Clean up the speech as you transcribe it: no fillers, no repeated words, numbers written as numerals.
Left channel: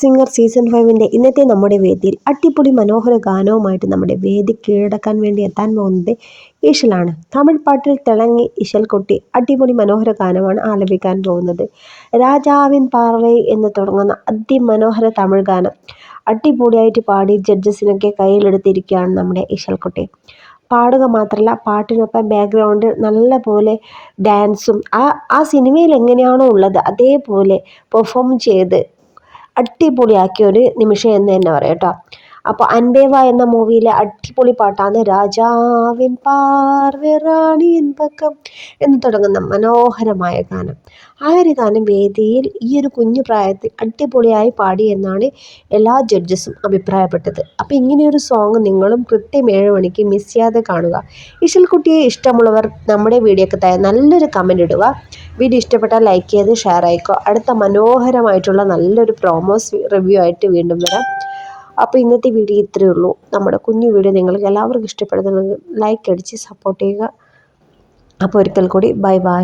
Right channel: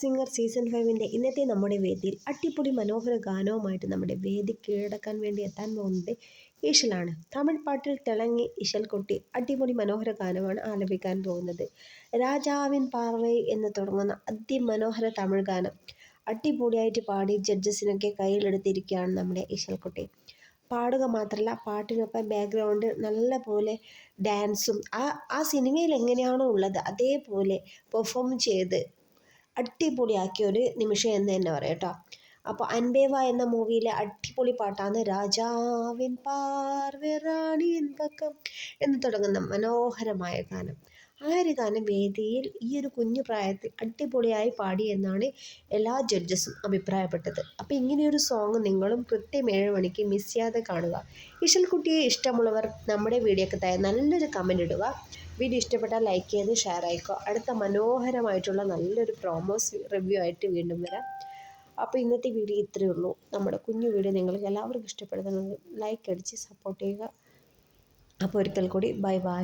Singer season 5ൻ്റെ ഇന്നത്തെ നമ്മുടെ വേദിയിൽ അടിപൊളി മനോഹര ഗാനവുമായിട്ട് നമ്മുടെ വേദി കീഴടക്കാൻ വേണ്ടി എത്താൻ പോകുന്നത് ഇശലാണ്. തമിഴ് പാട്ടിൽ തിളങ്ങി ഇശൽക്കുട്ടി അടിപൊളി മനോഹര ഗാനമാണ് ആലപിക്കാൻ പോകുന്നത്. രാജാവിൻ പാർവൈ എന്ന് തുടങ്ങുന്ന അതിമനോഹര തമിഴ് ഗാനം അടിപൊളിയായിട്ട് പാടി ജഡ്ജസിനൊക്കെ കയ്യിലെടുത്തിരിക്കുകയാണ് നമ്മുടെ ഇശൽക്കുട്ടി. പാടുക മാത്രമല്ല, പാട്ടിനൊപ്പം ബാക്ക്ഗ്രൗണ്ടിൽ നല്ല പോലെ ഡാൻസും ആ സിനിമയിൽ എങ്ങനെയാണോ ഉള്ളത് അതേപോലെ പെർഫോം ചെയ്ത് അടിപൊളിയാക്കിയ ഒരു നിമിഷം എന്ന് തന്നെ പറയാം കേട്ടോ. അപ്പോൾ അൻപേവ എന്ന മൂവിയിലെ അടിപൊളി പാട്ടാണ് രാജാവിൻ പാർവ റാണിയൻ പക്കം എന്ന് തുടങ്ങുന്ന മനോഹരമായ ഗാനം. ആ ഒരു ഗാനം വേദിയിൽ ഈ ഒരു കുഞ്ഞു പ്രായത്തിൽ അടിപൊളിയായി പാടി എന്നാണ് എല്ലാ ജഡ്ജസും അഭിപ്രായപ്പെട്ടത്. അപ്പോൾ ഇങ്ങനെയൊരു സോങ് നിങ്ങളും കൃത്യം 7 മണിക്ക് മിസ് ചെയ്യാതെ കാണുക. ഇശൽക്കുട്ടിയെ ഇഷ്ടമുള്ളവർ നമ്മുടെ വീഡിയോക്ക് താഴെ നല്ലൊരു കമൻറ്റ് ഇടുക. വീഡിയോ ഇഷ്ടപ്പെട്ടാൽ ലൈക്ക് ചെയ്ത് ഷെയർ ആയിക്കോ. അടുത്ത മനോഹരമായിട്ടുള്ള നല്ലൊരു പ്രോമോസ് റിവ്യൂ ആയിട്ട് വീണ്ടും വരാം. അപ്പോൾ ഇന്നത്തെ വീഡിയോ ഇത്രയേ ഉള്ളൂ. നമ്മുടെ കുഞ്ഞു വീഡിയോ നിങ്ങൾക്ക് എല്ലാവർക്കും ഇഷ്ടപ്പെടുന്നുണ്ടെങ്കിൽ ലൈക്ക് അടിച്ച് സപ്പോർട്ട് ചെയ്യുക. അപ്പോൾ ഒരിക്കൽ കൂടി ബൈ ബൈ.